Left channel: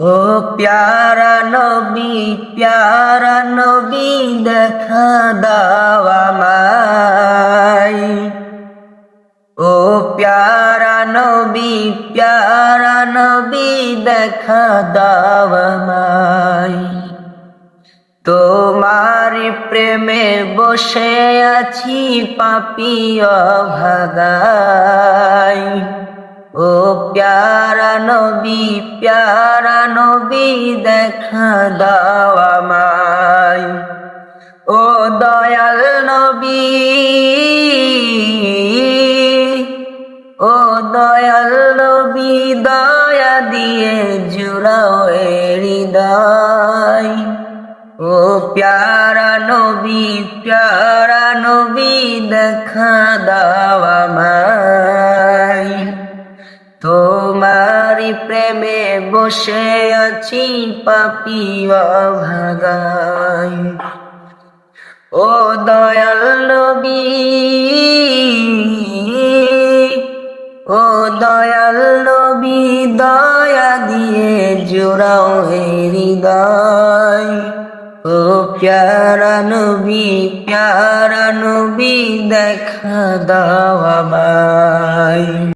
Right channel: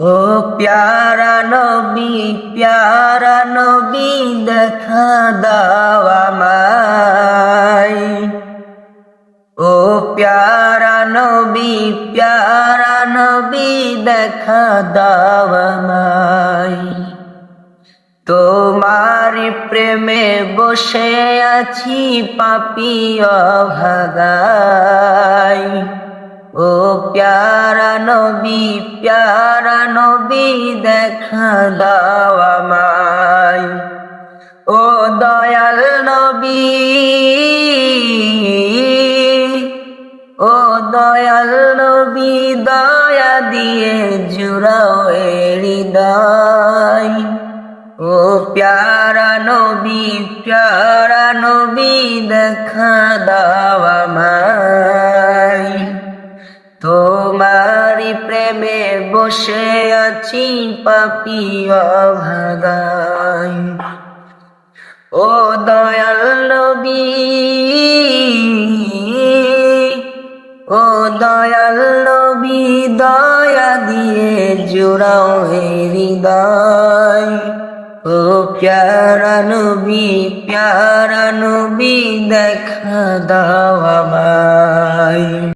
ও প্যারা নবী দেখা দাও আমায়। ও প্যারা নবী দেখা দাও আমায়। তোমার প্রেমে বসে আছি পাপী অভাগায়। ও প্যারা নবী দেখা দাও আমায়। ও দয়াল নবী, ও দয়াল নবী দয়া দিয়ে জুড়াও এ হৃদয়। ও প্যারা নবী দেখা দাও আমায়। তোমারি প্রেমে বসে আছি পাপী অভাগায়। ও দয়াল নবী, ও দয়াল নবী দয়া দিয়ে জোড়াও হে হৃদয়। ও প্যারা নবী দেখা দাও আমায়।